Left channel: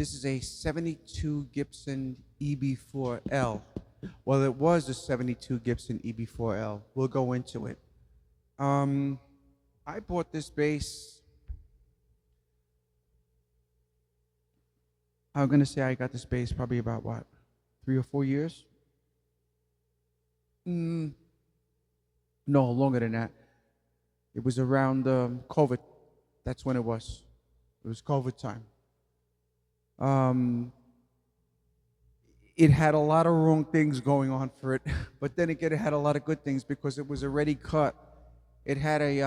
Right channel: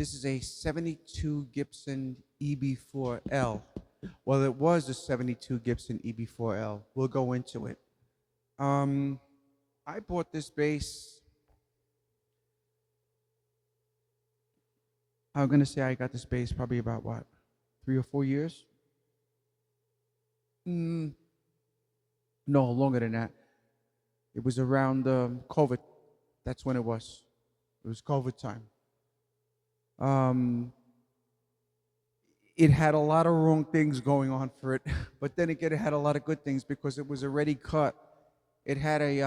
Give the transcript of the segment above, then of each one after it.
This is a 72 Gibson EB4L. Well, it was a 72 Gibson EB4L. We'll go into it. I bought this bass, I'm going to say I got this bass probably about, what, 3 or 4 years? No, longer than that. It was around COVID. That's when it was. It was COVID time. It had a lot of wrong things going on for it, but then again, it had a lot of good things because it was already cut. It had a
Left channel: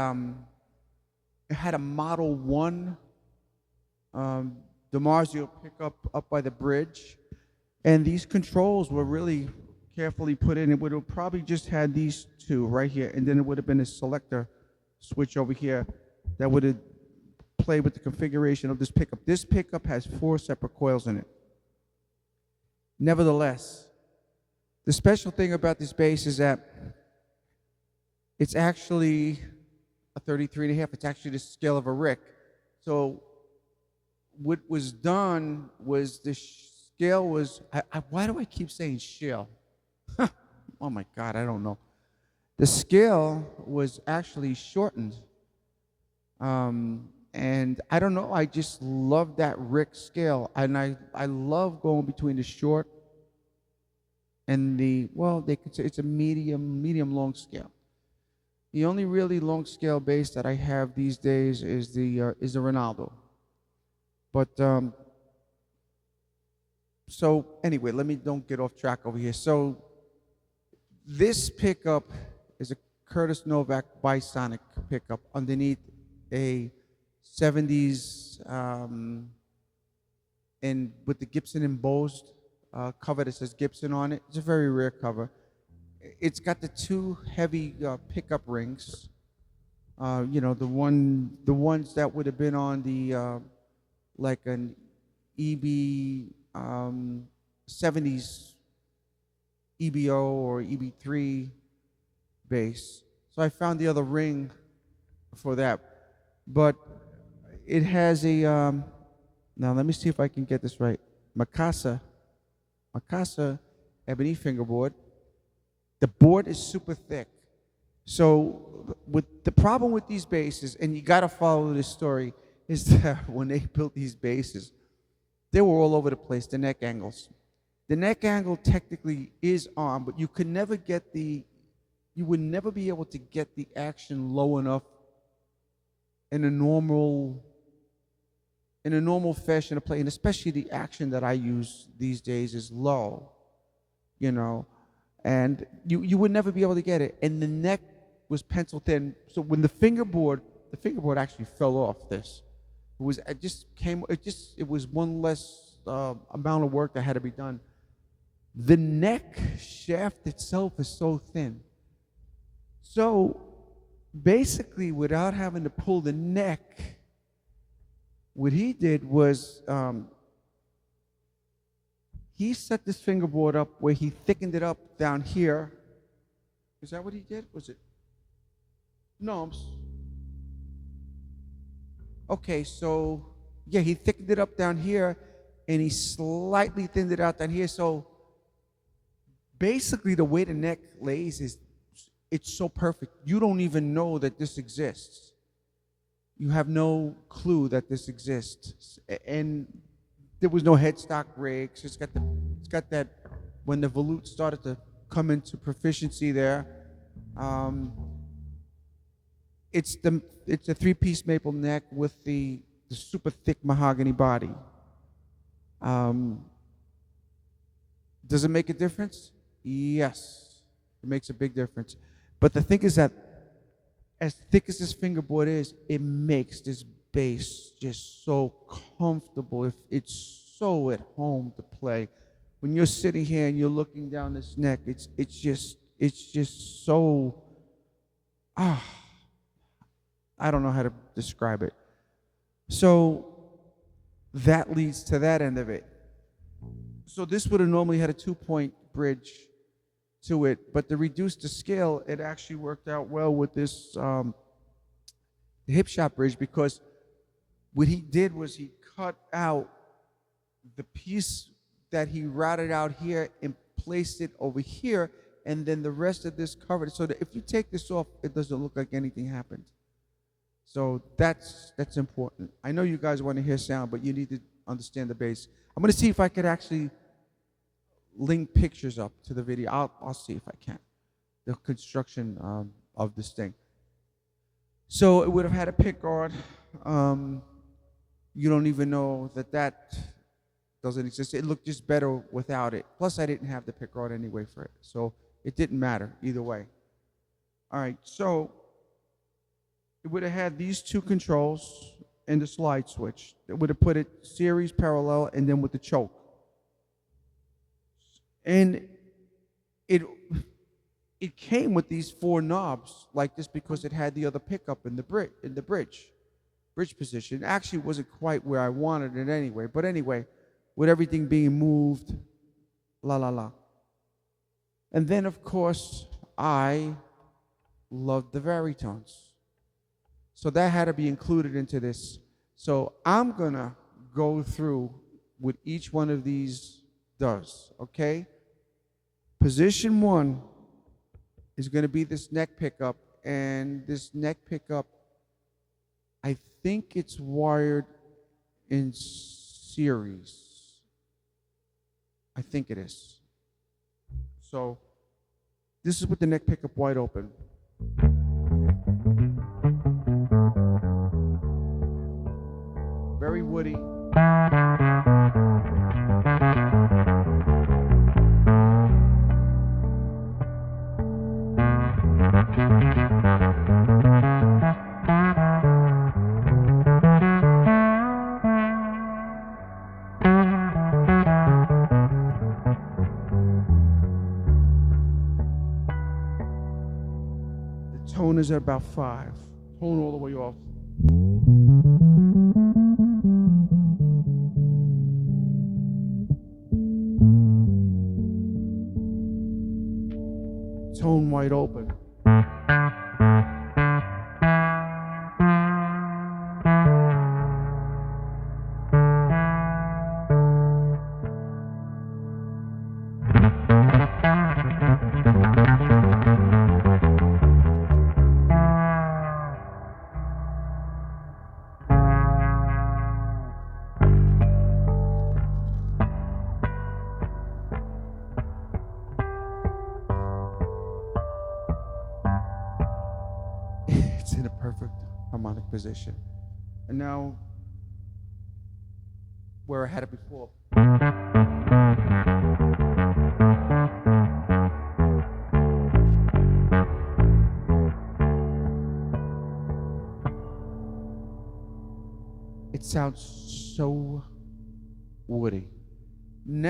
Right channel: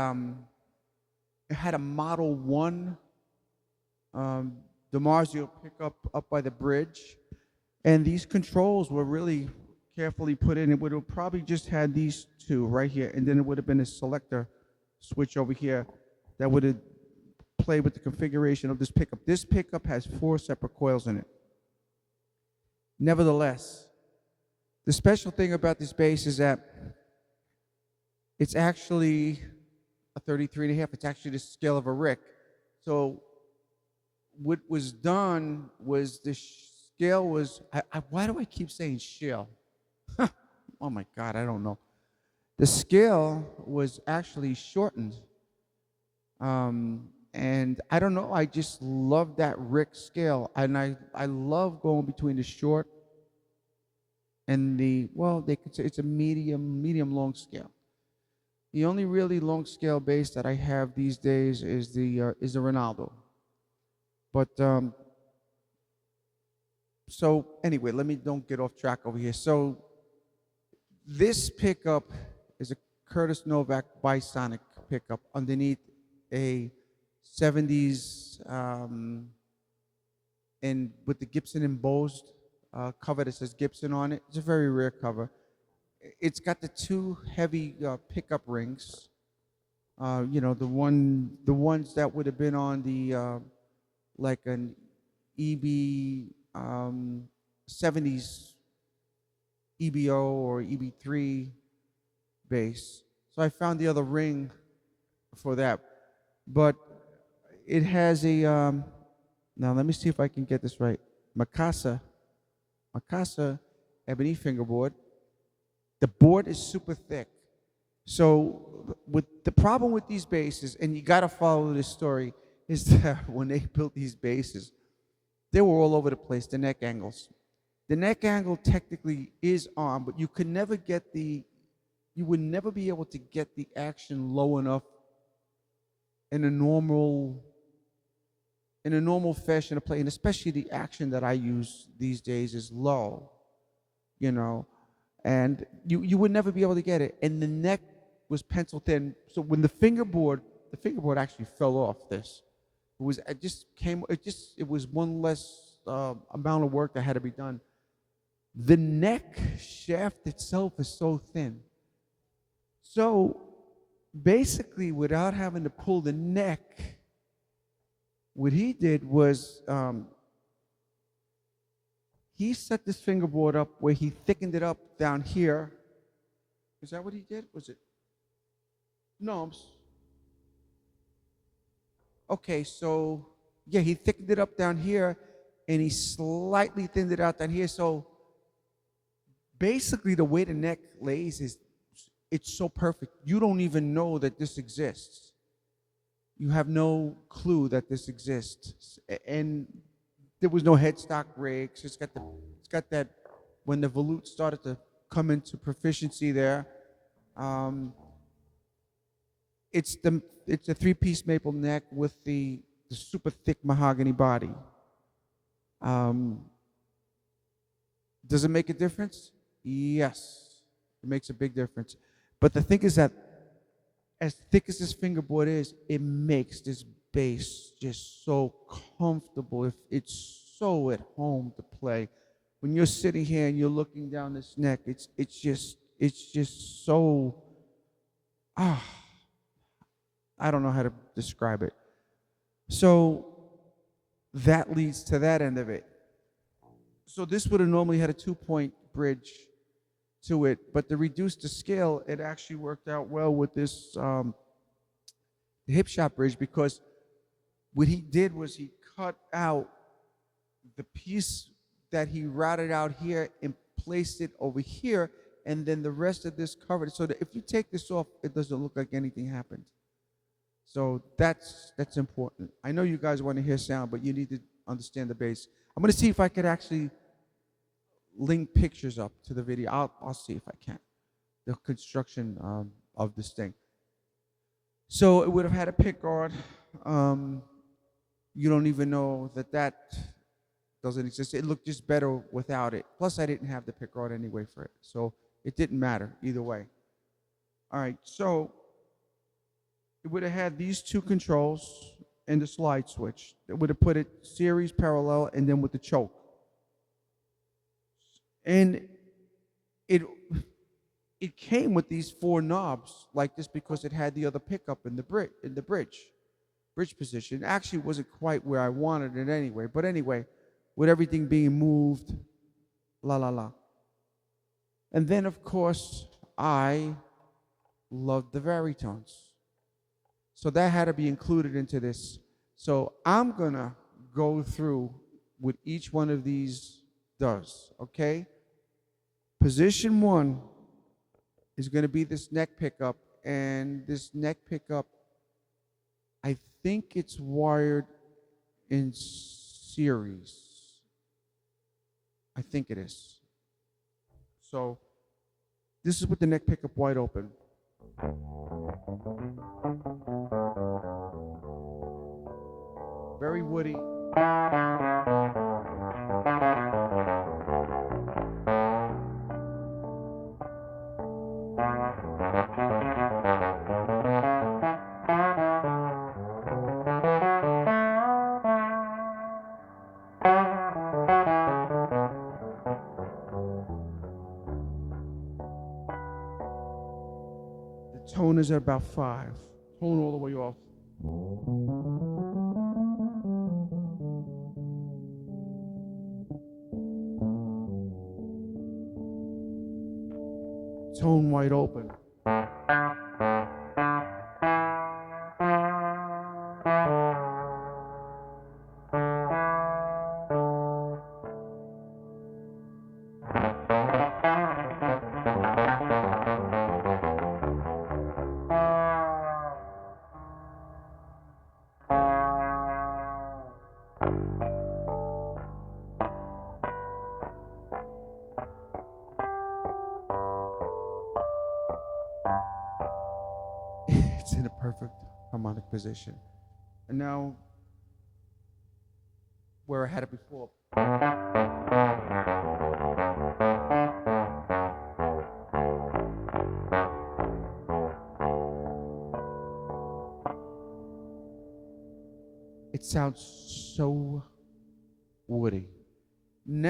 Model 1 DiMarzio pickup up by the bridge, and these controls were really carefully put in. It would have probably just had these two right here, and then it would have been a selector switch over here that would have played with the configuration of this pickup. This pickup has 4 separate coils in it. Nevertheless, the special thing about this bass is that it's actually a 33.5. It's actually the scale of a Rick. So what was done was the scale was, why do I keep saying scale? Oh my God, I don't know. The scale was actually shortened. And I don't know, I just love that Rick scale. And I love going between the short and the, well, they could say it's a medium long scale. The only really long scale bass that I have these days is the Ronaldo. But so anyway, don't get off track over here. So this pickup is a Curtis Novak Bisonic pickup underneath a 70s and with the Gibson embossed cover that says Gibson on it. It's a very rare cover. It's got the 2 heavy pickup rings. You know, the ones that would have been on the like an EB 70s EBO or EB3 bass. So I found the other ring for that. But it has a, now let me see if I can get this right. Mikasa ebony fingerboard. The board is super thick. So with the problem with these basses, and you got to follow the story, is that when they built these basses, they were all over the place, the neck angles. The neck angle technically is on, but you would never be able to get the action low enough in a normal fashion of play, and especially the action that I use these days is low, and you would never be able to get it. And the neck was pencil thin, so when the fingerboard actually fell off this. It was one less amount of work that had to be done. The neck shaft itself is so thin. So basically, without having to pull the neck, what he did was he set this fingerboard up where he thickened it up down here. Is that what he did? Was it? No. Okay, so yeah, he thickened it up down here, and he slightly thinned it out down here. So basically, the way the neck lays is it's so perfect. You don't even know that this exists. You have no clue that this exists. And there was no headstock rigs. It's got that, when the volute started to come into proficiency there, it's a three-piece maple neck with the super thick mahogany body. Does it make a difference? Yes, it makes a big difference. But the thing is that as thick as this fingerboard is, it makes this bass just so comfortable. It's so at home to play. When you're sitting here and you're looking down this neck, it's just so, I don't know how to describe it. So that leads to that end of it. So this would have normally had a 2-point bridge to it, but to reduce the scale, it actually worked out well with this hip shot bridge, because what he did was he cut out the piece that he routed out here and placed it over here, and then the rest of this covered it, so that if you take this off, it doesn't look like anything happened. So that's important. I know you guys want to hear sound, but you need to understand the bass. I'm going to see if I could actually link pictures up to the video. I'll see if I can. The construction of this thing. So it would have had a pick guard. You don't even know that doesn't exist. It looked just better without it. Plus, I didn't have the pick guard anyway for it, so it didn't matter either way. All right, so it would have had these two controls and the slide switch. It would have put it series parallel and then with the choke. And it came with these 4 knobs like this because it had the other pickup in the bridge position. Actually, it wasn't quite where I wanted it anyway. But anyway, with everything being moved, la la la. And then of course I love the varitones. So that had to be included into this. So I'm gonna go through with each one of these doves, okay? Position 1 is gonna be this neck pickup, and this neck pickup, I think it's wired in series. I think it is. So this is with the neck pickup wide open. Very woody. Tone is at about 5. Tone all the way off.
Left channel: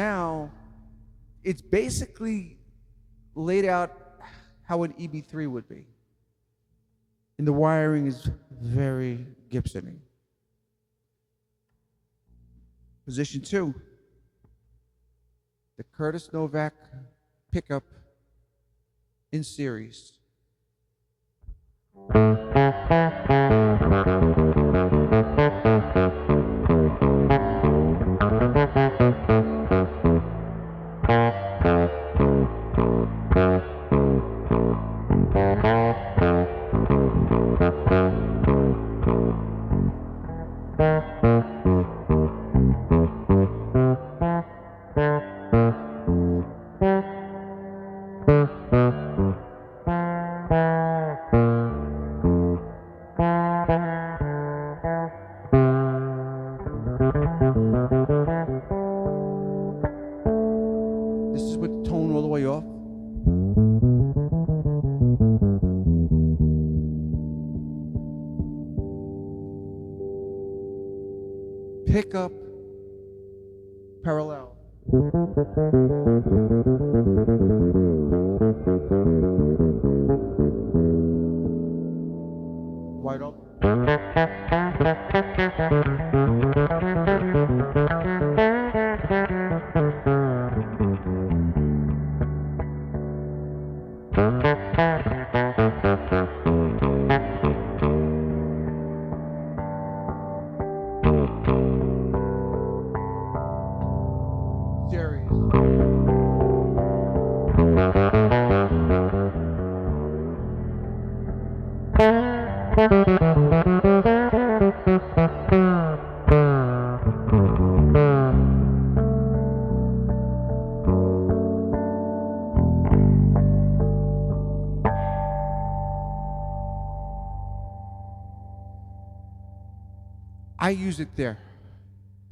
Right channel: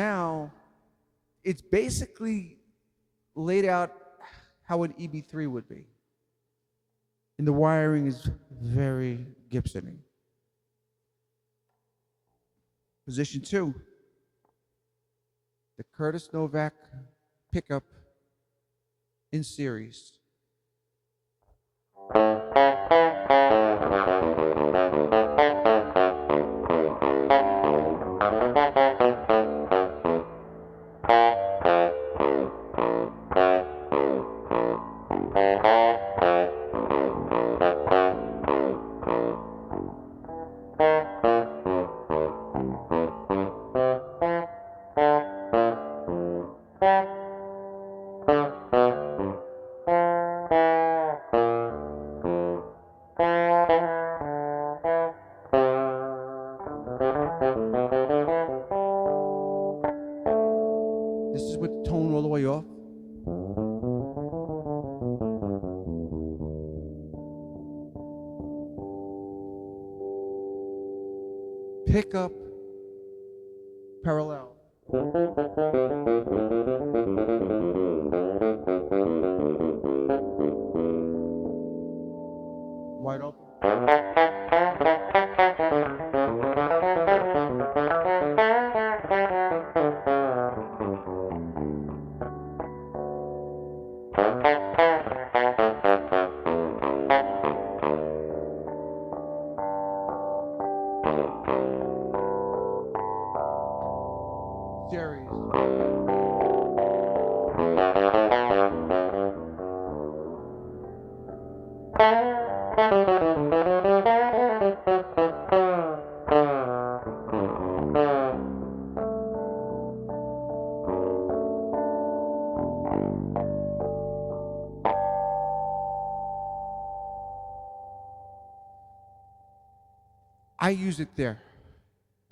now it's basically laid out how an EB3 would be. And the wiring is very Gibson. Position 2, the Curtis Novak pickup in series.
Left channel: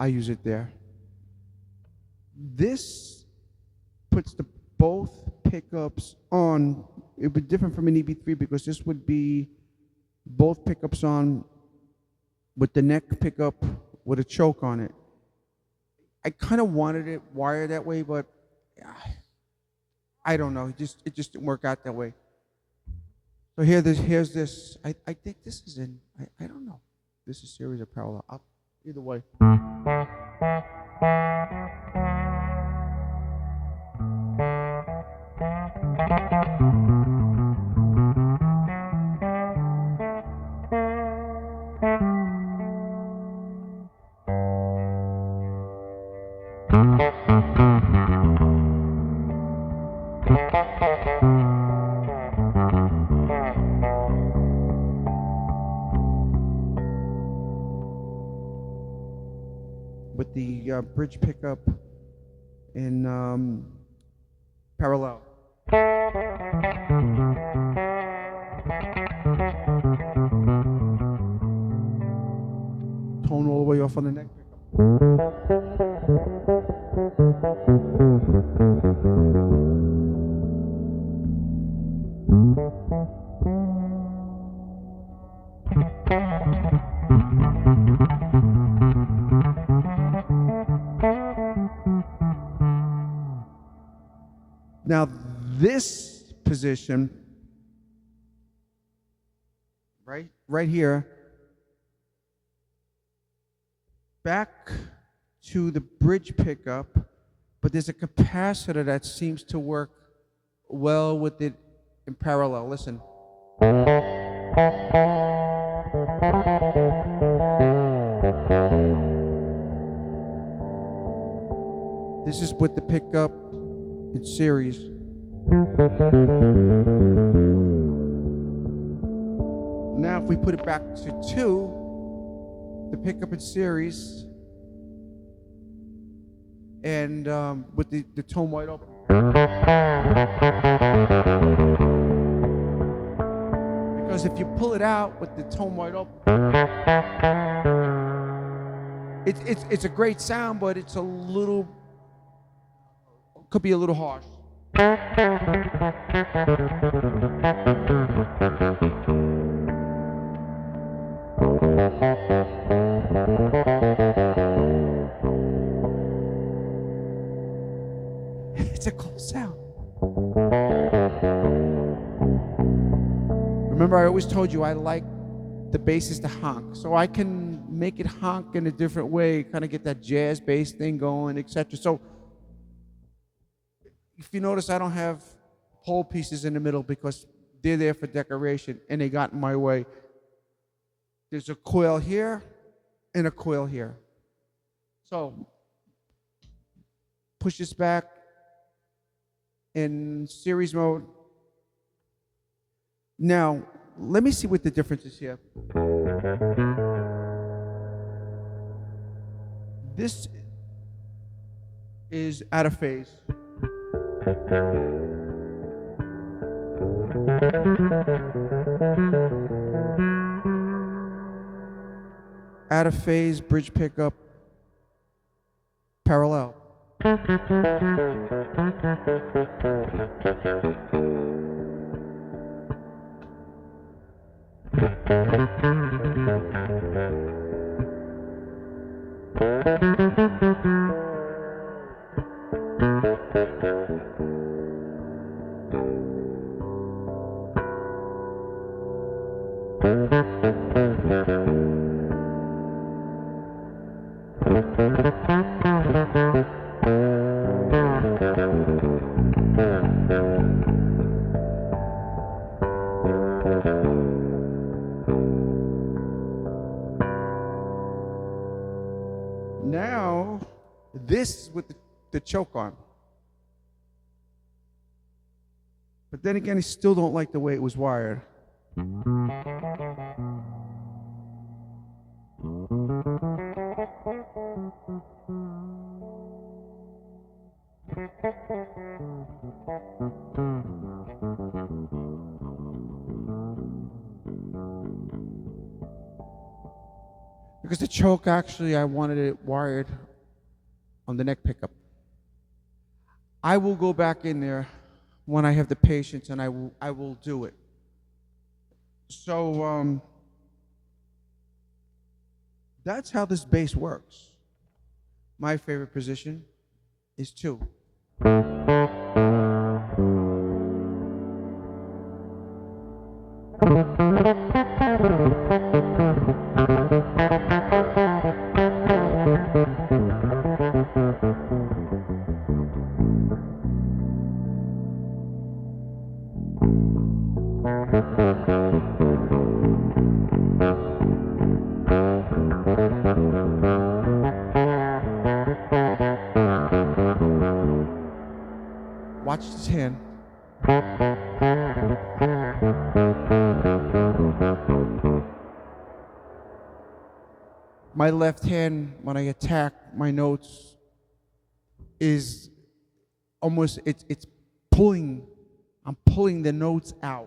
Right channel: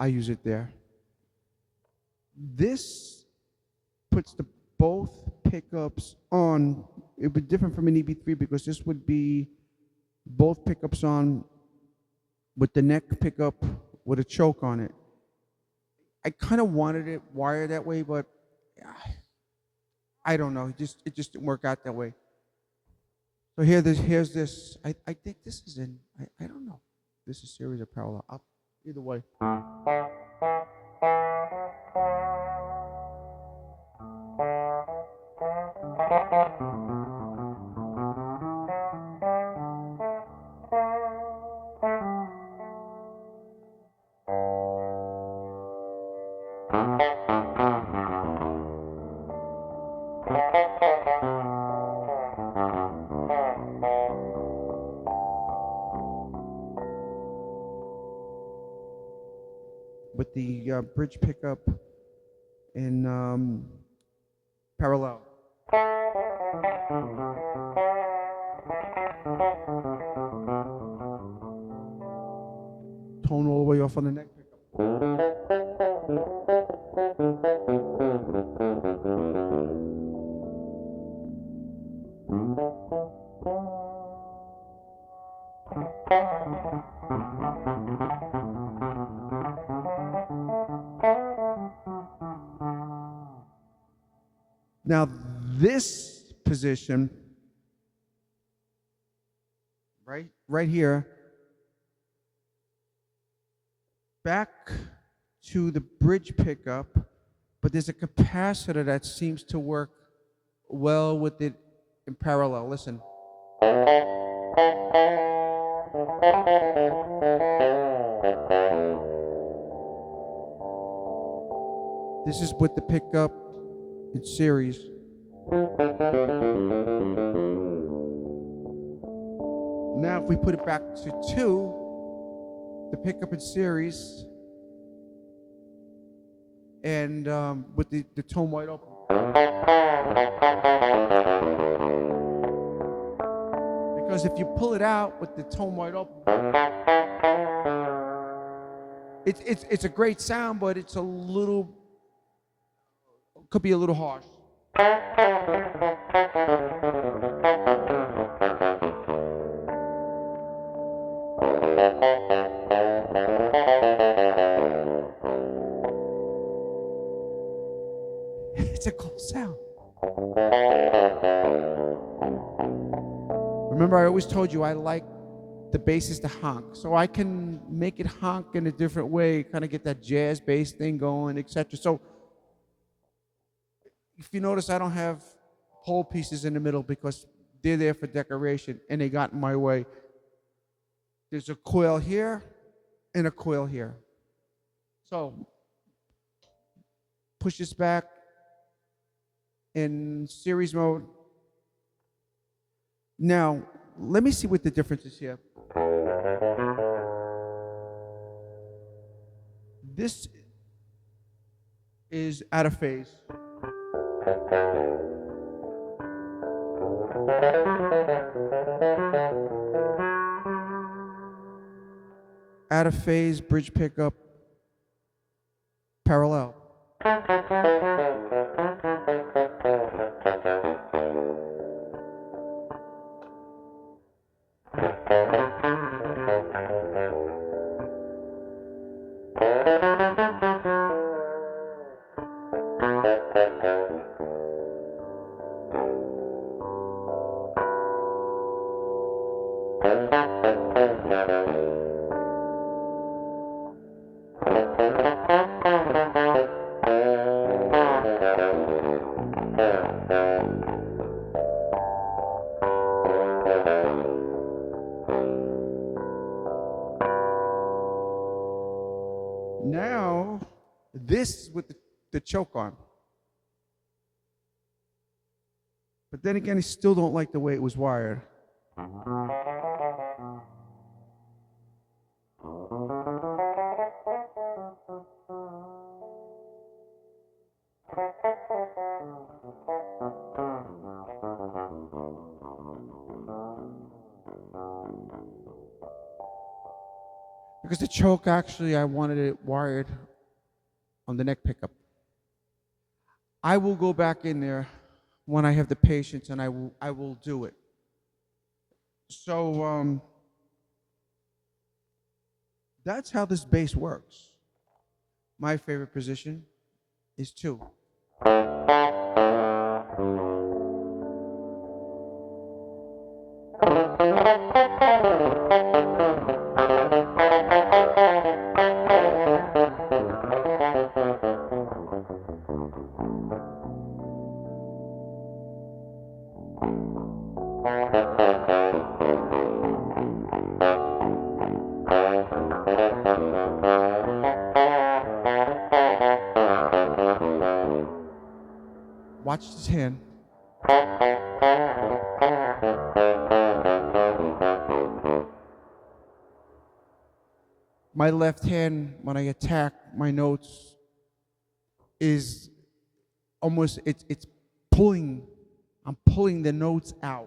I use it there. This puts both pickups on. It would be different from an EB3 because this would be both pickups on with the neck pickup with a choke on it. I kind of wanted it wired that way, but I don't know. It just didn't work out that way. So here's this. I think this is in. I don't know. This is series or parallel. Either way. Now, this position, right here, back to the bridge pickup, but there's a capacitor that seems to work well with it in parallel. Listen. This is with the pickup in series. Now if we put it back to 2, the pickup in series, and with the tone white on. Because if you pull it out with the tone white on, it's a great sound, but it's a little, could be a little harsh. Remember, I always told you I like the basses to honk, so I can make it honk in a different way, kind of get that jazz bass thing going, etc. So, if you notice, I don't have whole pieces in the middle because they're there for decoration and they got in my way. There's a coil here and a coil here. So, push this back in series mode. Now, let me see what the difference is here. This is out of phase. Out of phase, bridge pickup, parallel. Choke on. But then again, I still don't like the way it was wired. Because the choke, actually, I wanted it wired on the neck pickup. I will go back in there when I have the patience, and I will do it. So that's how this bass works. My favorite position is 2. My left hand, when I attack my notes, is almost, it's pulling, I'm pulling the notes out.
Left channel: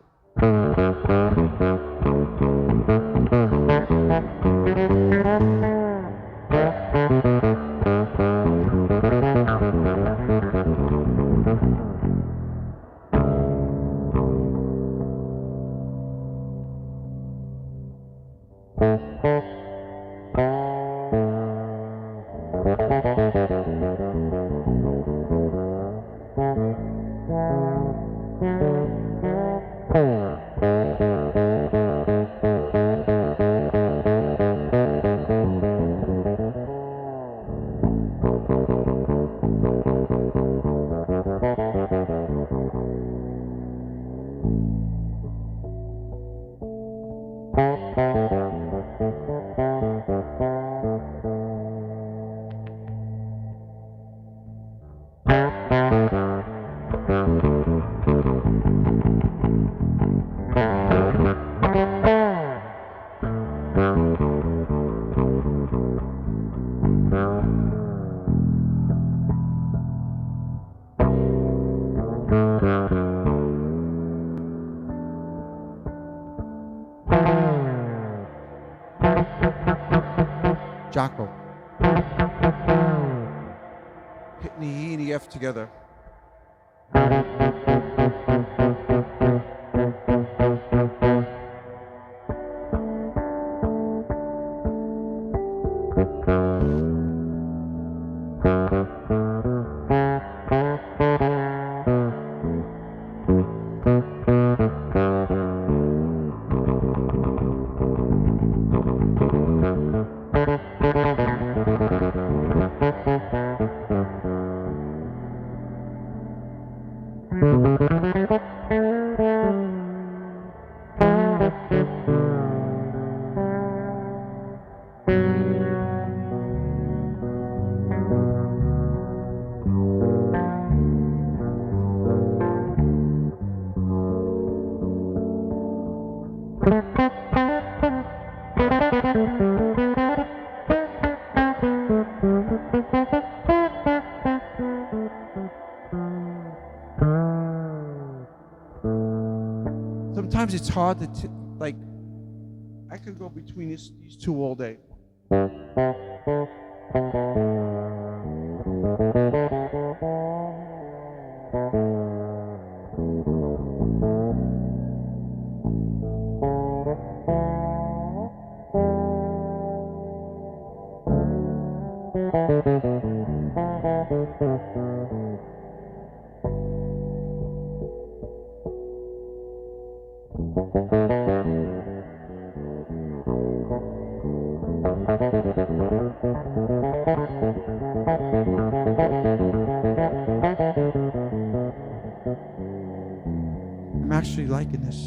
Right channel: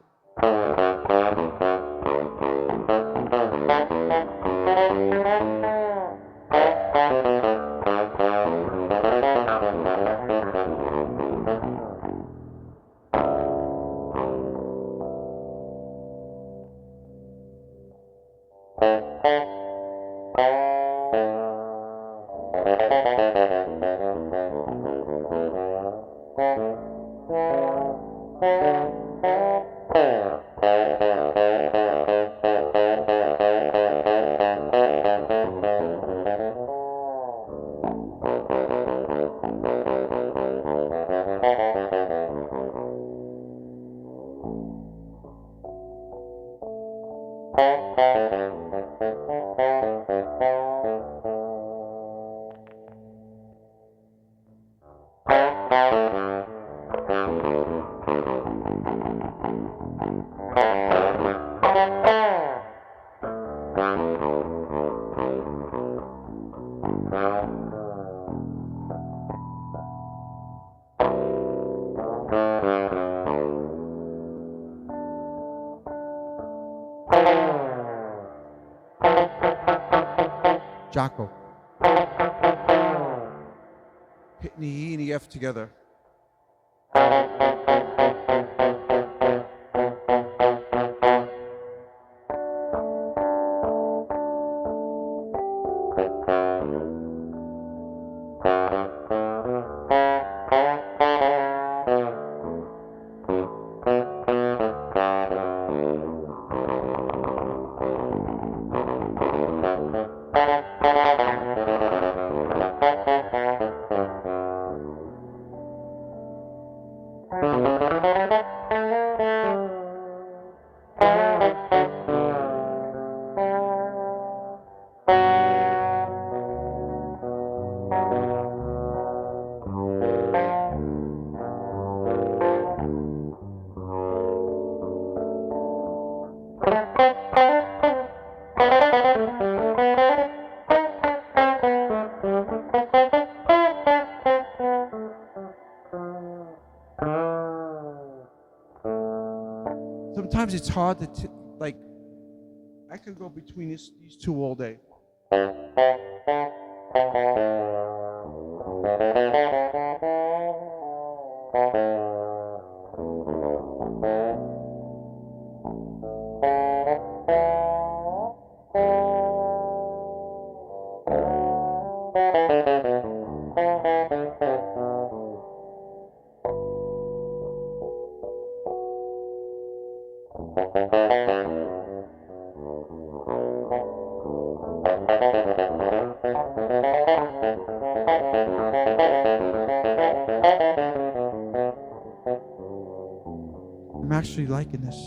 I'm actually liking this.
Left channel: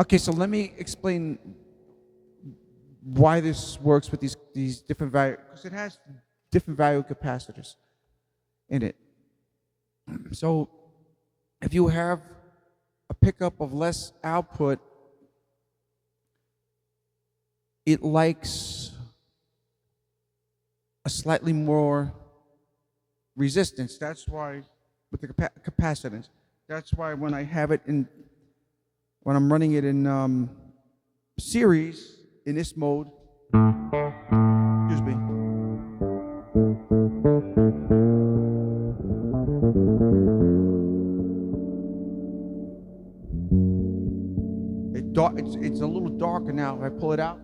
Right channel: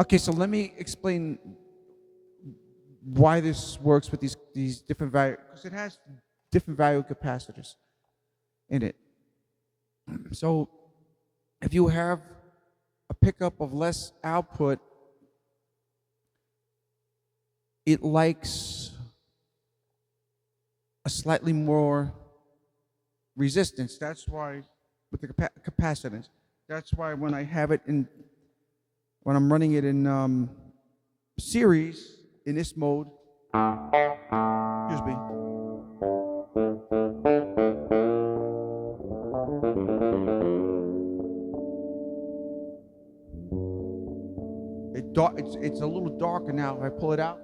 Okay, so let me explain why this works with these different value, because it has different value capacitors in it. So if you have a pickup of less output, it likes a slightly more resistance. That's why with the capacitance. That's why when I have it in, when I'm running it in series in this mode. It's a little darker now. If I pull it out.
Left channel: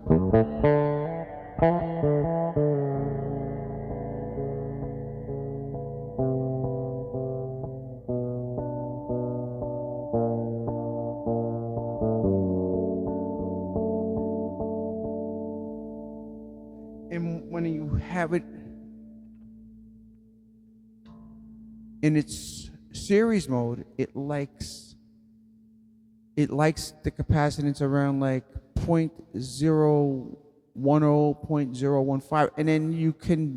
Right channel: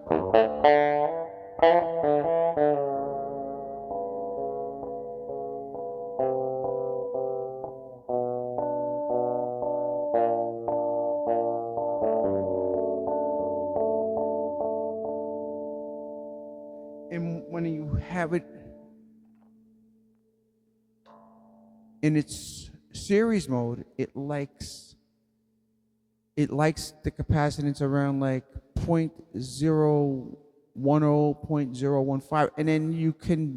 In its series mode, it likes the capacitance around like 0.010, 0.015, and then you can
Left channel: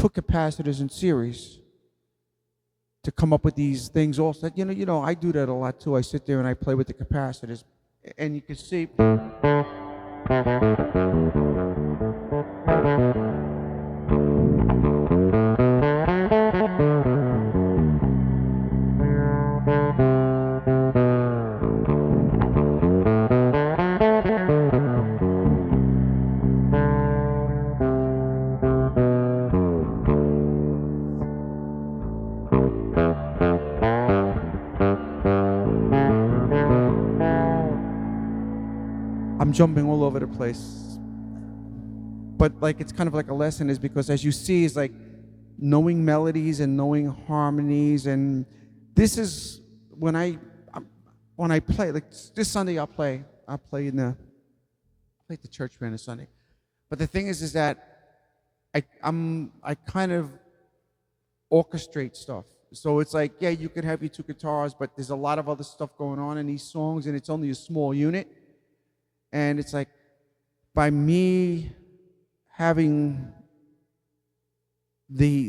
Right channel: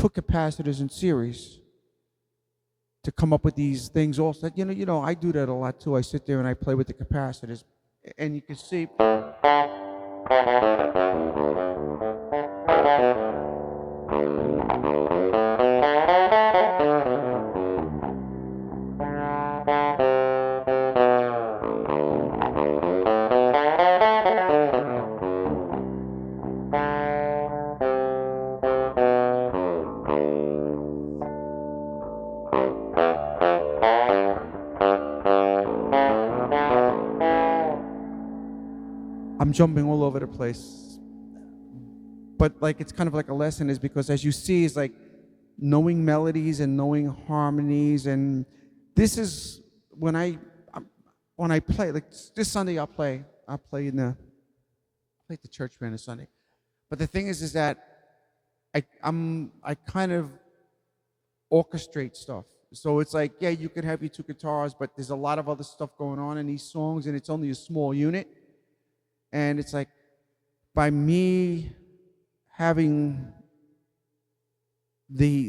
put capacitors in series to come up with these things. Also, I do that a lot too. I sit there and I play with the capacitors, and you can see. It's kind of like a lesson, is because as you see, is like knowing melodies and knowing harmonies, and this is when I play. Like this Sunday, I'll play in the church band this Sunday. But the thing is that I kind of orchestrate stuff. So it's like, yeah, you could have your two guitars, but there's a lot of other stuff going on in these songs, and it's only a small unit. And it's like, by me having the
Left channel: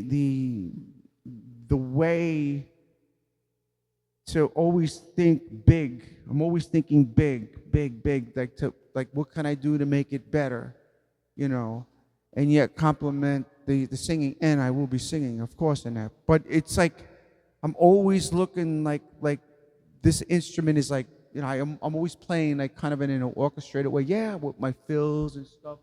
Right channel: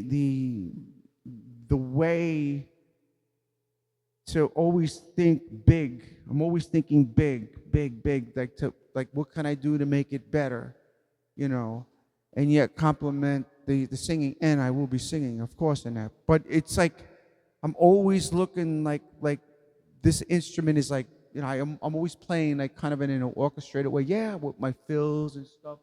way to always think big. I'm always thinking big, like what can I do to make it better, and yet complement the singing, and I will be singing, of course, in there. But it's like I'm always looking like this instrument is like, I'm always playing like kind of in an orchestrated way, with my fills and stuff.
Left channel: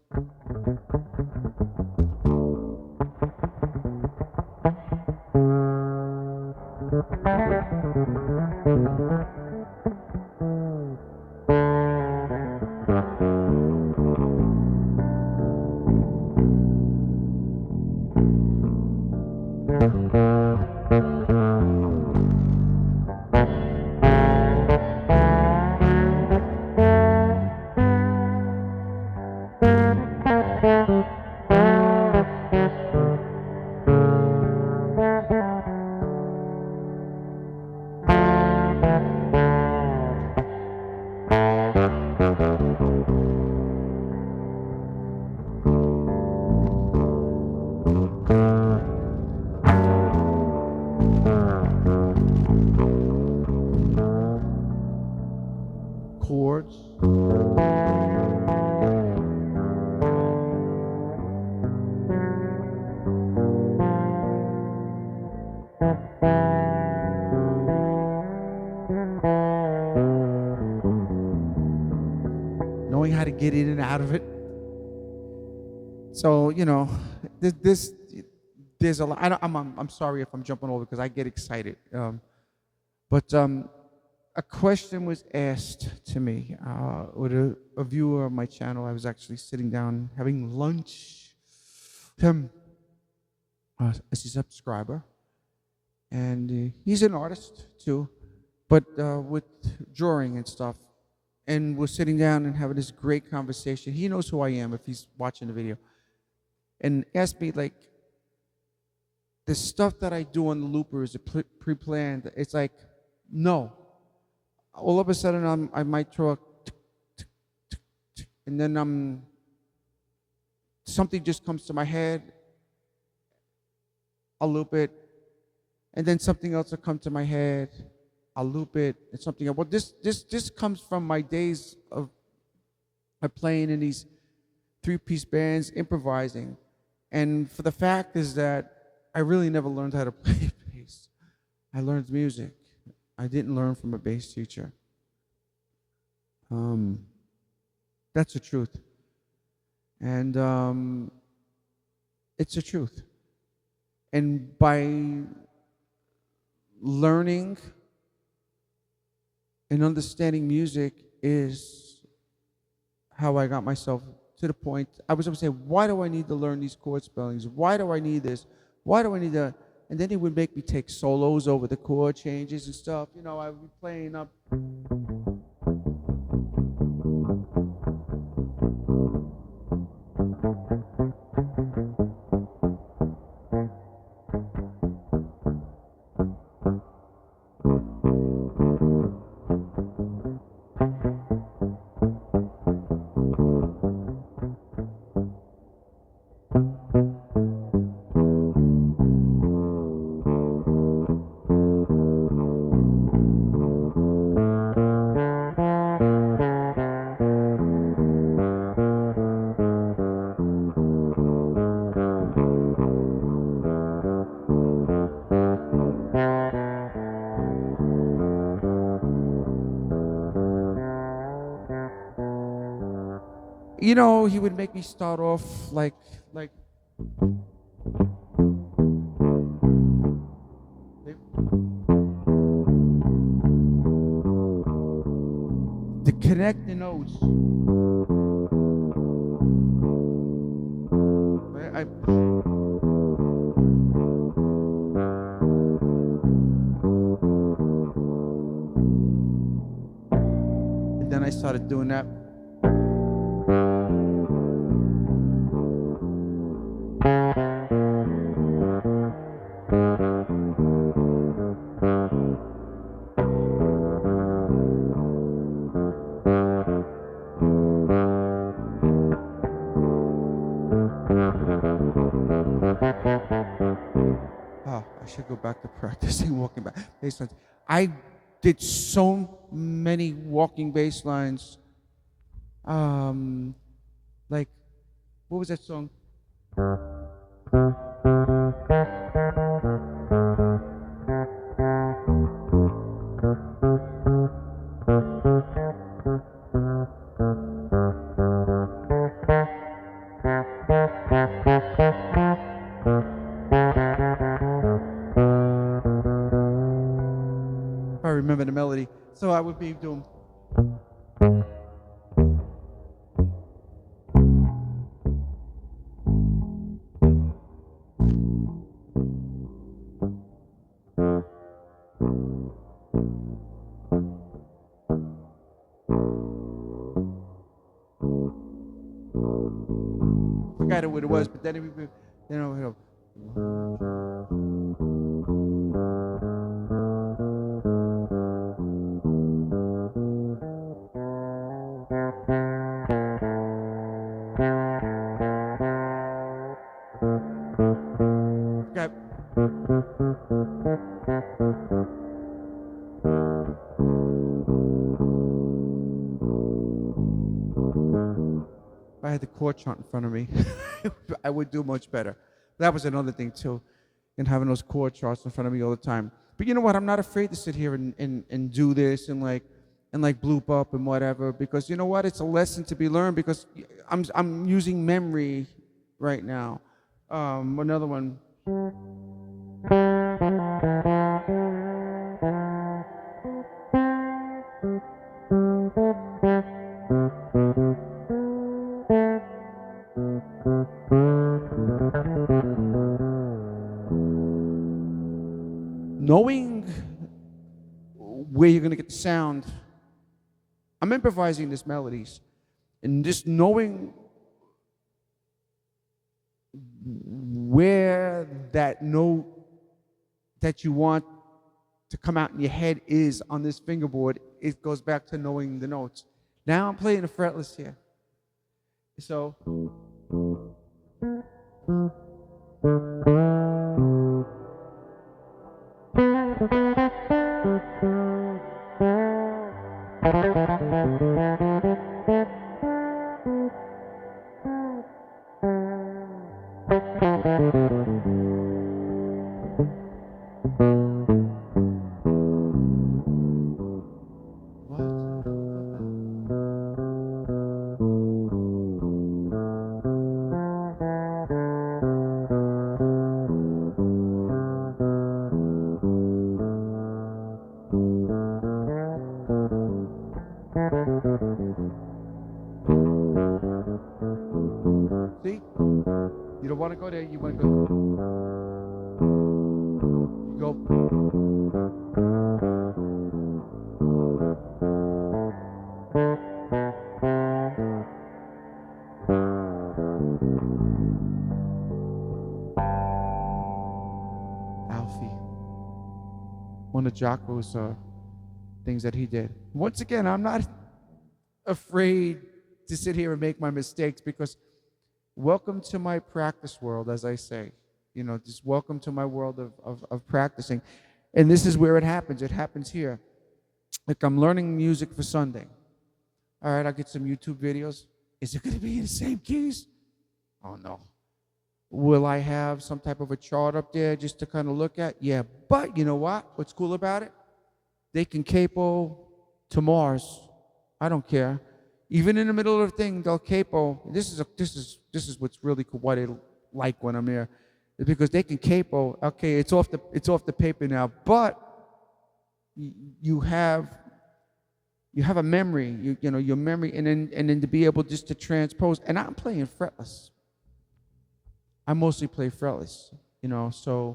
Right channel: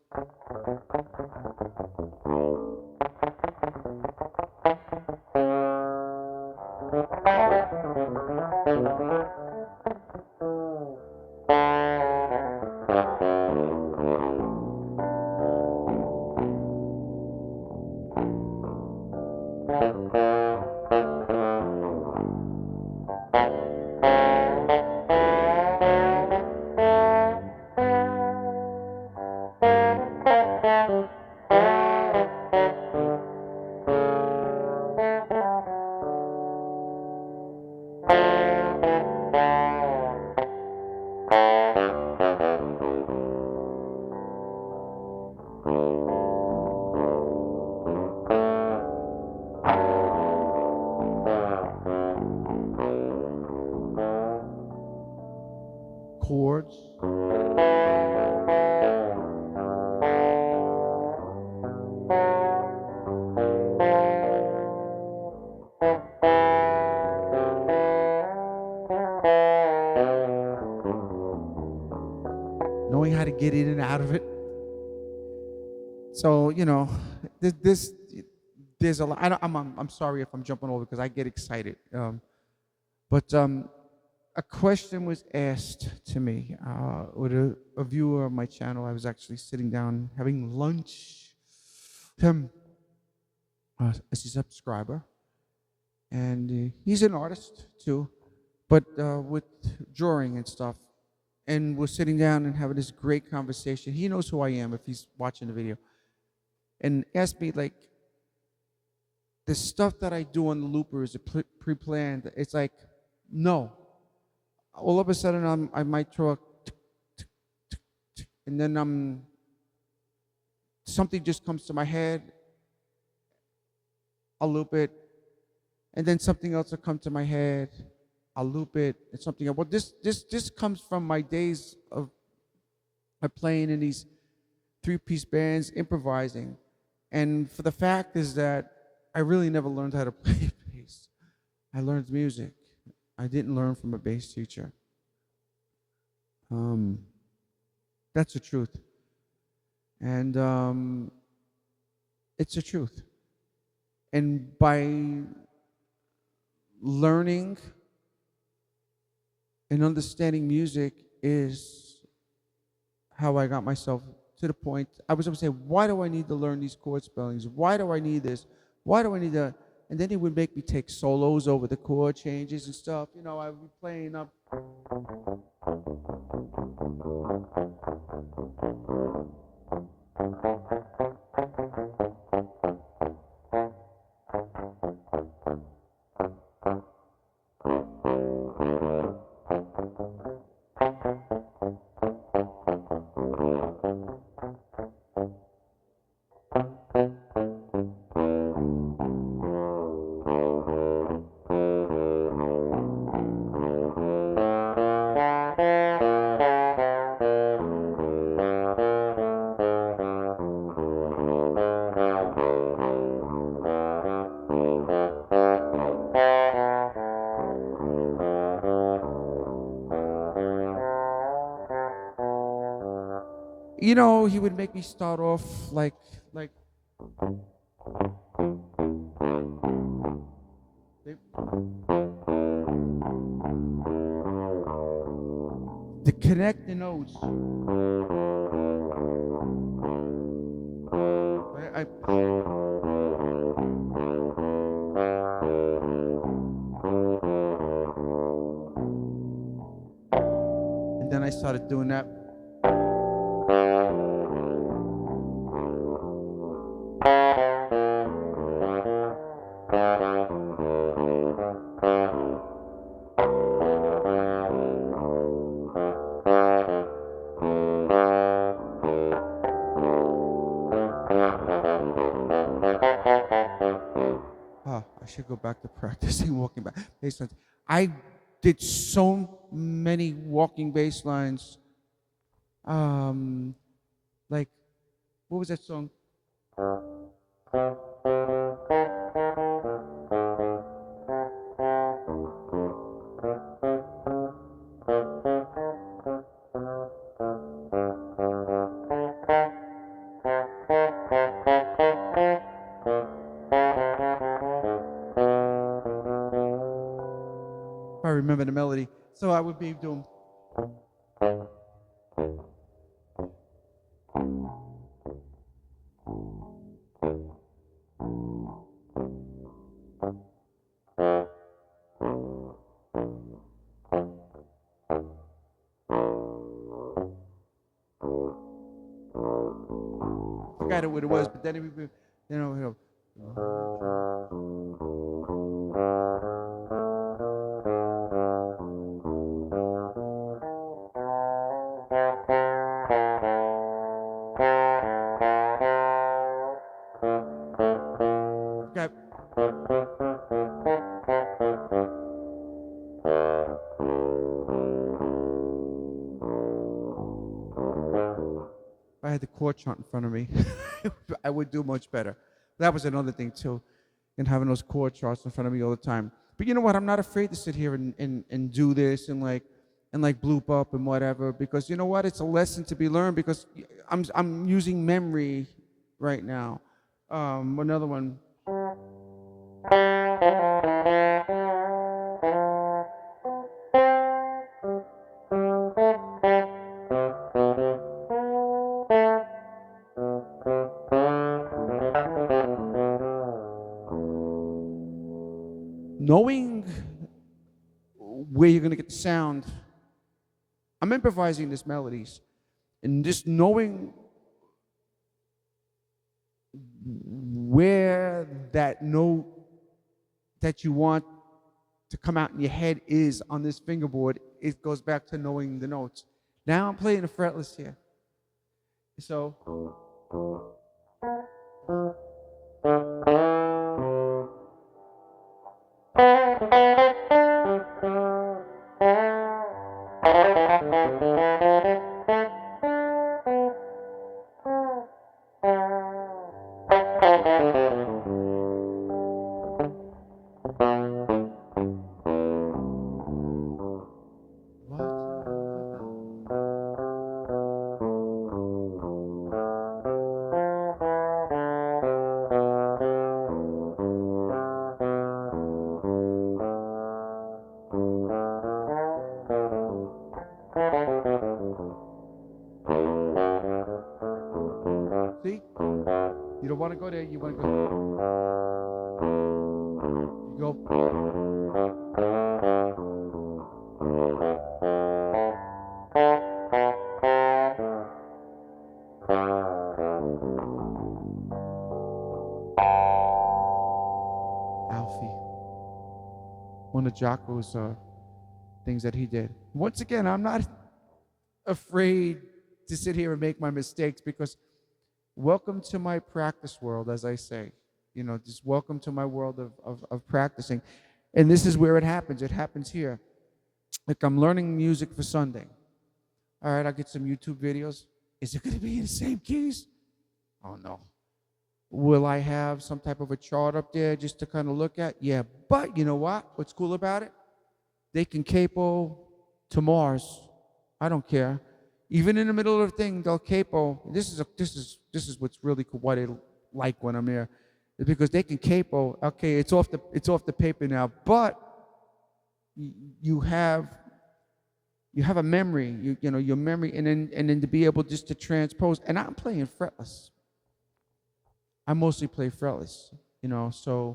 there's a lot. I'm sorry if I'm jumping over because I get excited. But a question was asked to me with a viewer on my channel. I was actually sitting down having lunch. As a subscriber, and he's an artist too, but with drawing and stuff. And we're sitting down and having this great conversation. He knows who I am if he's watching the video. And asked me, like, the stuff that I do on the looper is pre-planned. It's like, no. All of a sudden, I might throw and then something just comes to my head. I'll loop it, and then something else will come to my head. I'll loop it, and something else. Well, this comes from my days of playing in these three-piece bands, improvising. And for the fact is that I really never learned how to play bass. I learned music. I didn't learn from a bass teacher. That's the truth. And it's the truth. And by learning and understanding music is how I got myself to the point. I was always saying, why do I need to learn these chord spellings? Why do I need this? Why do I need that? And then he would make me take solos over the chord changes and stuff. You know, I was playing up. You know, he would make me start off like to connect the notes. And then I started doing that. I did so many walking bass lines. Like, what was that song? I remember the melody. So I would be doing. If I had the chord chart in front of me, I would do much better. That was another thing too, and having those chord charts in front of me all the time. But you know what? I'm not afraid to sit here and do this and bloop up and whatever, because you know what? It's a lesson to be learned, because I'm using memory right now. Another one. Knowing where you're going to get the sound, I'm improvising these melodies, and just knowing where that note that you want to come out in your head is on this fingerboard, it goes back to knowing the notes. Now I'm playing a fretless here. So things that he did. Once again, I'm not afraid to sit here and make my mistakes because welcome to my practice world, as I say. Just welcome to my world of practicing. And this is where it happens. It happens here. Like I'm learning music for Sunday. All right, I'll get some YouTube videos. Is it going to be the same keys? Oh, no. Will I have some type of a chart up there just to kind of look at? Yeah. But you know what? What's cool about it? They can capo to Mars. I don't care. Even in the middle of the thing, they'll capo. This is what's really cool. What it's like when I'm here, because they can capo. Okay, it's off the paper now, but you have a memory. Your memory, and then to be able just to transpose. And I'm playing fretless. I mostly play fretless. So.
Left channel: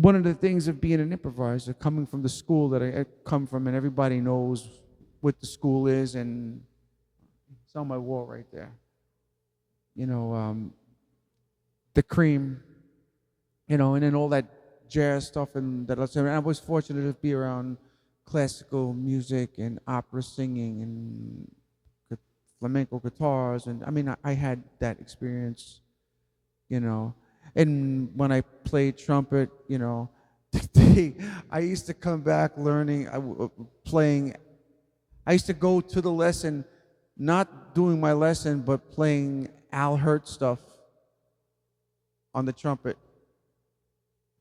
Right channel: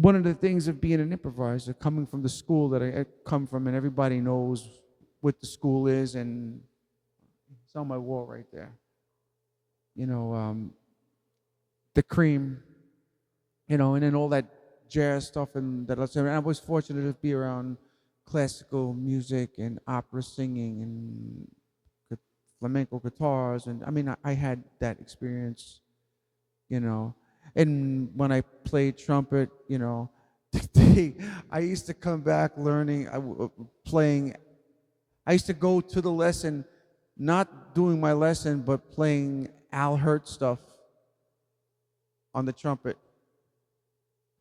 One of the things of being an improviser, coming from the school that I come from, and everybody knows what the school is, and it's on my wall right there. The cream, and then all that jazz stuff, and that I was fortunate to be around classical music and opera singing and flamenco guitars, and I had that experience, And when I played trumpet, I used to come back learning, playing. I used to go to the lesson, not doing my lesson, but playing Al Hurt stuff on the trumpet.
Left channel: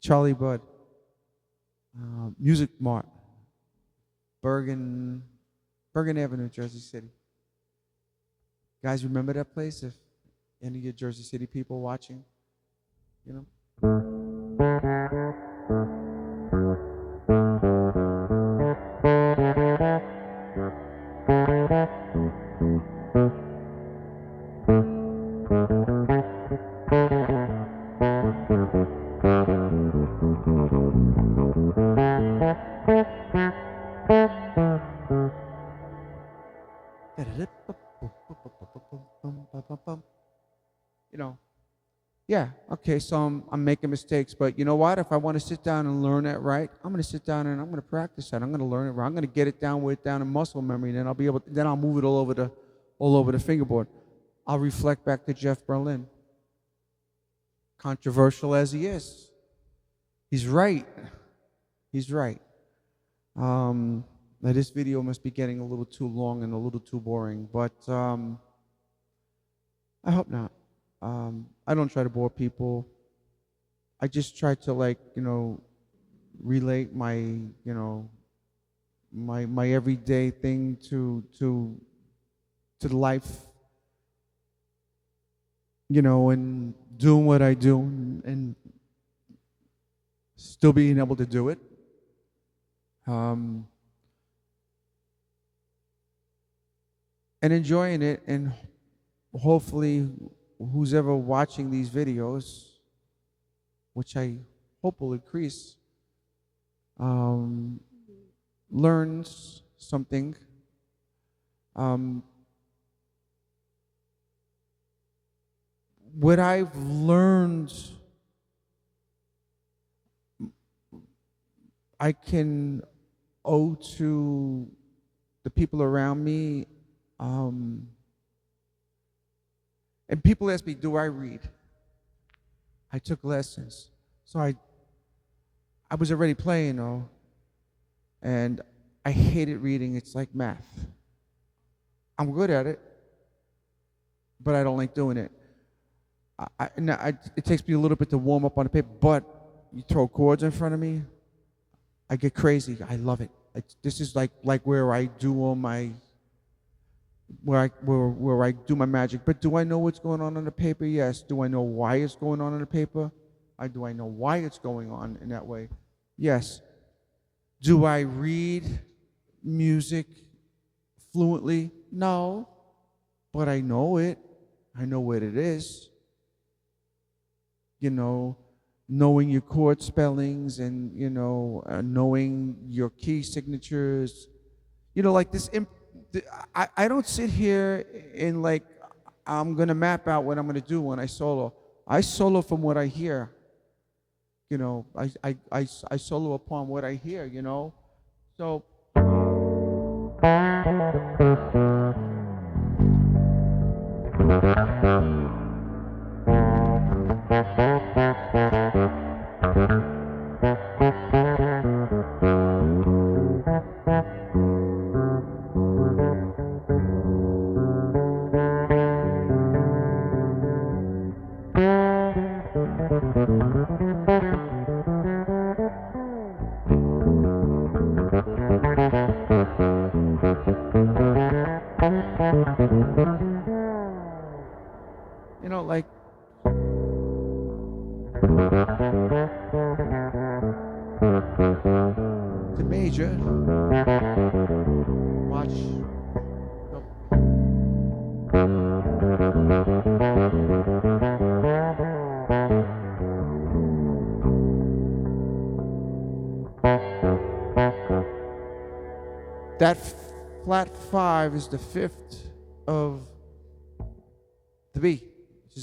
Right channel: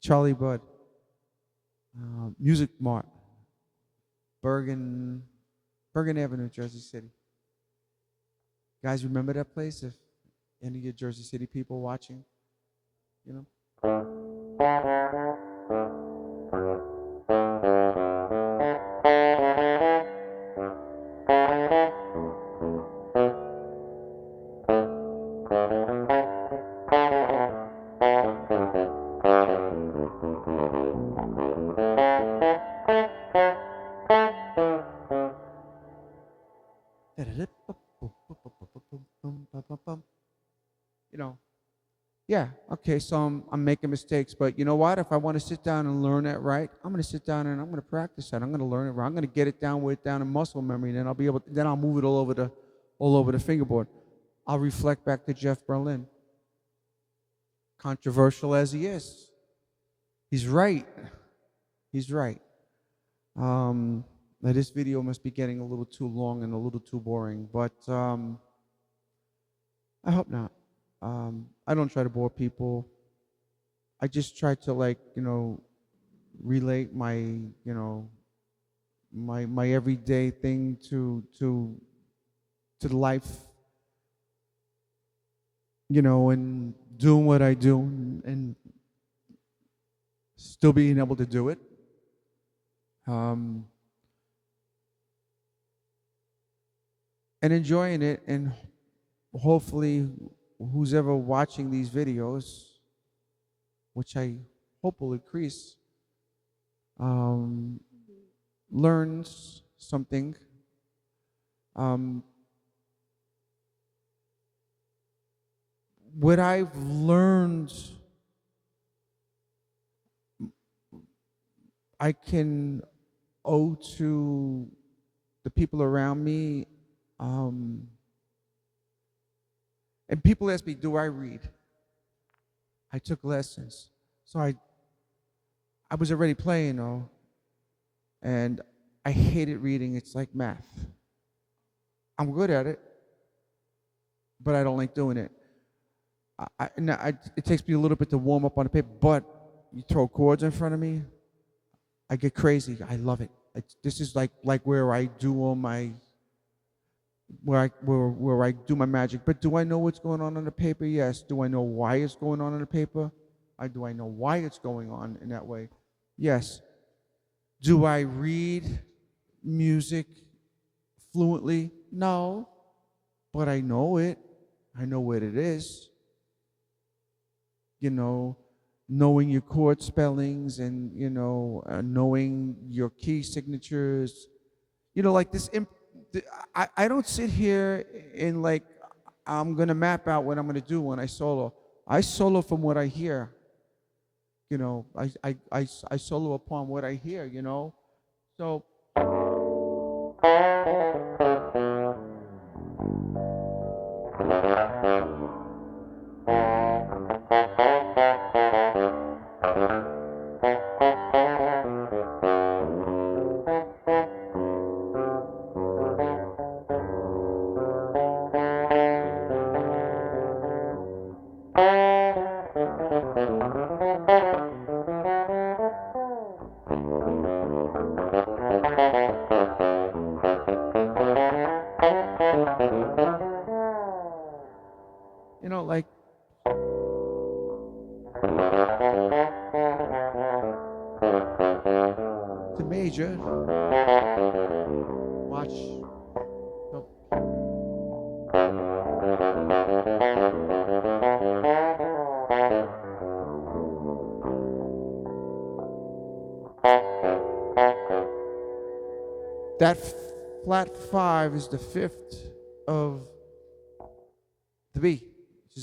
Charlie Budd, Music Mart, Bergen Avenue, Jersey City. You guys remember that place? If any of you Jersey City people watching? Yeah, okay, so I'm making mistakes, but you know what? If I want to sit down and learn that right, I'm going to sit down and I'm going to practice that. I'm going to learn it right. I'm going to get it down with down in muscle memory, and then I'll move it all over the fingerboard. I'll reflect back to Jeff Berlin. Controversial as he is, he's right. He's right. Now this video must be getting a little too long and a little too boring, but I hope not. I don't try to bore people. I just try to relate my my everyday thing to to life, and doing what I do and still being able to do it. And enjoying it, and hopefully who's ever watching these videos, which I hope will increase, learns something. What I've learned, I can owe to the people around me. And people ask me, do I read? I took lessons. So I was already playing, and I hated reading. It's like math. I'm good at it, but I don't like doing it. It takes me a little bit to warm up on the paper, but you throw chords in front of me, I get crazy. I love it. This is like where I do all my where I do my magic. But do I know what's going on in the paper? Yes. Do I know why it's going on in the paper? Do I know why it's going on in that way? Yes. Do I read music fluently? No. But I know it. I know what it is. Knowing your chord spellings and, knowing your key signatures. Like this. I don't sit here and I'm going to map out what I'm going to do when I solo. I solo from what I hear. I solo upon what I hear, So.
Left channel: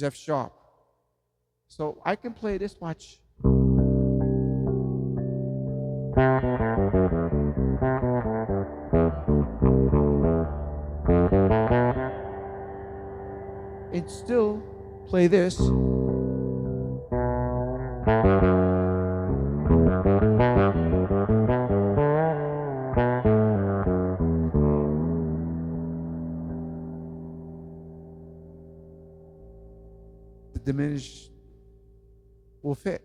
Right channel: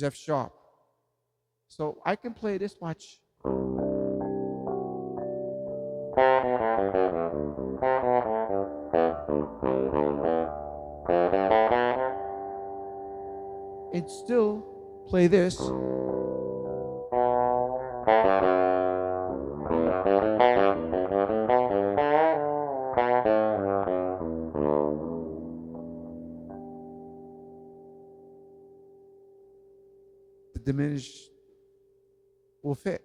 F sharp. So I can play this much. And still play this. The diminished will fit.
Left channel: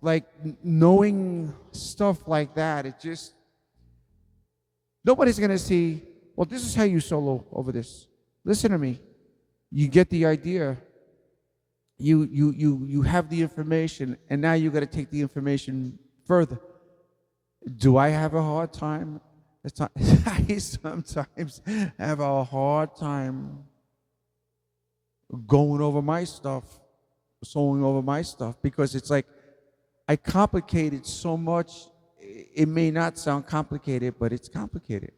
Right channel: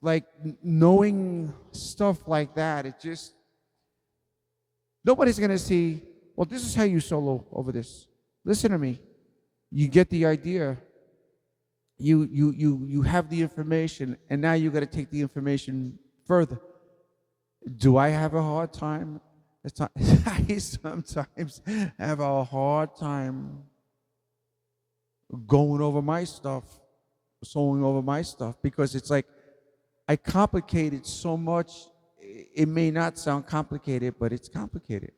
Like knowing stuff like that, it just nobody's gonna see. Well, this is how you solo over this. Listen to me. You get the idea. You have the information, and now you got to take the information further. Do I have a hard time? I sometimes have a hard time going over my stuff, soloing over my stuff, because it's like I complicate it so much. It may not sound complicated, but it's complicated.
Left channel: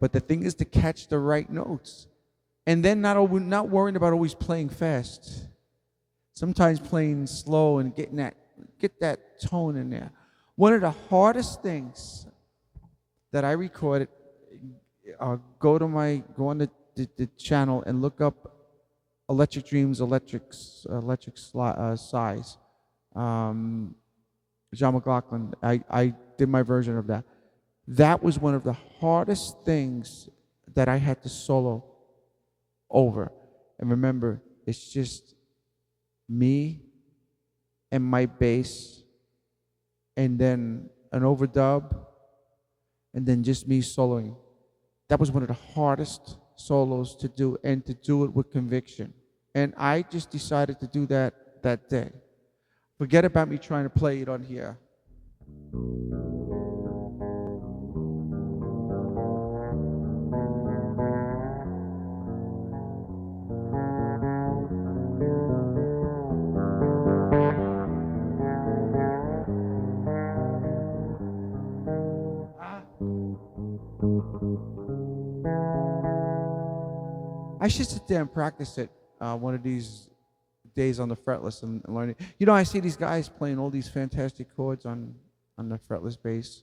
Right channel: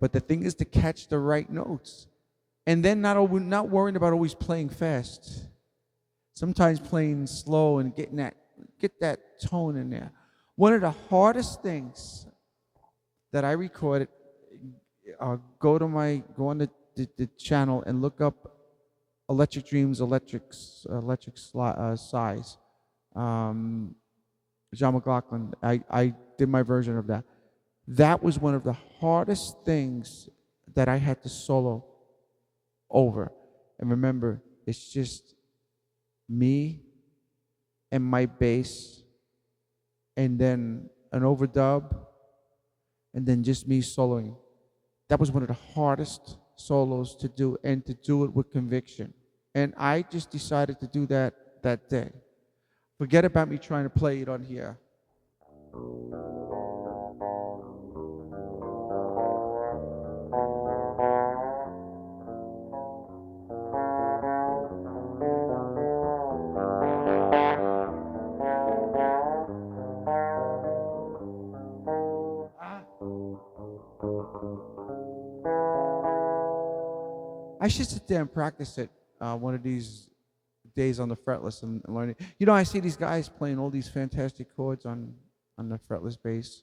But the thing is to catch the right notes. And then not worrying about always playing fast. sometimes playing slow and get that tone in there. One of the hardest things that I recorded, go on the channel and look up Electric Dreams, Electric Size. John McLaughlin, I did my version of that. That was one of the hardest things that I had to solo over. And remember, it's just me and my bass, and then an overdub, and then just me soloing. That was one of the hardest solos to do, and to do it with conviction. And I just decided to do that day. Forget about me trying to play it on here. I should sit there and practice it one of these days on the fretless and learning. You know, I see these guys playing all these fantastic chords on the fretless bass.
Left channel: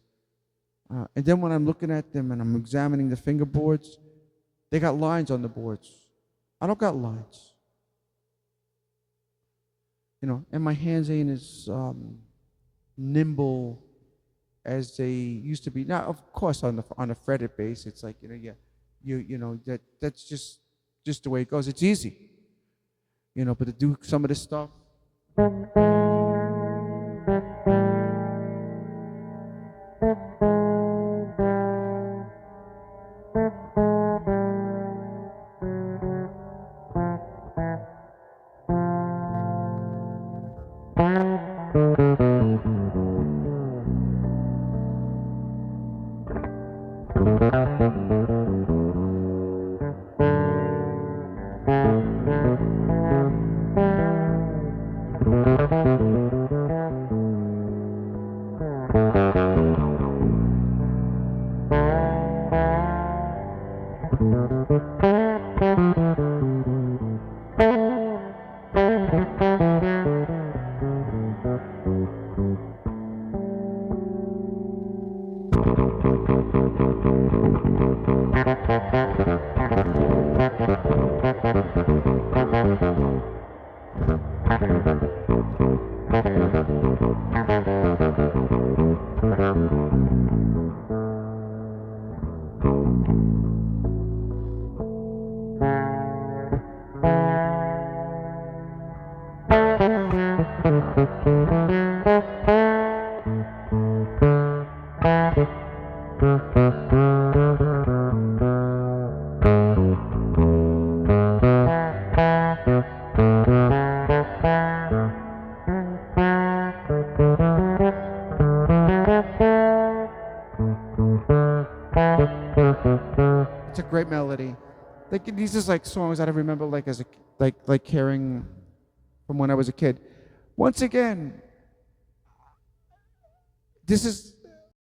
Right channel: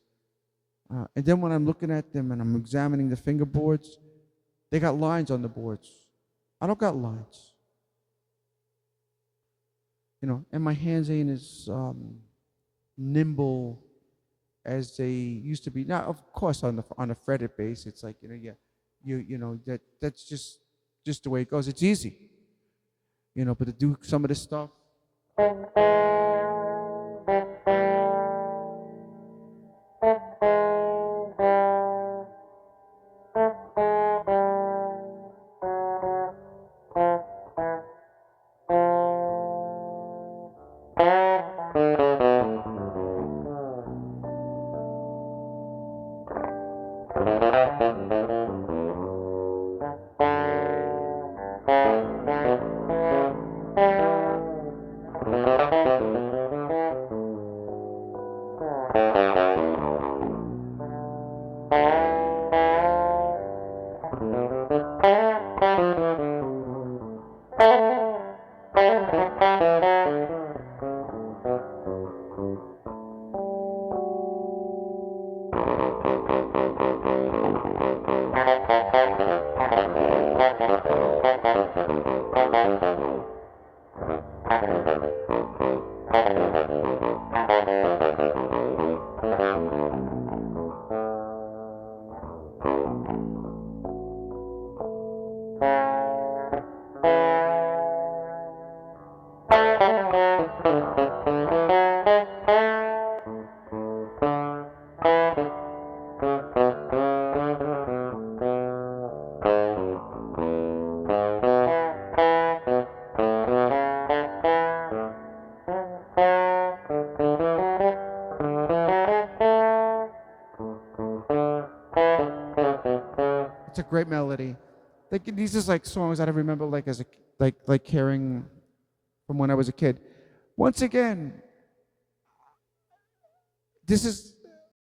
And then when I'm looking at them and I'm examining the fingerboards, they got lines on the boards. I don't got lines. You know, and my hands ain't as nimble as they used to be. Now, of course, on a fretted bass, it's like that's just the way it goes. It's easy, but to do some of this stuff. Like hearing from when I was a kid. Once again, this is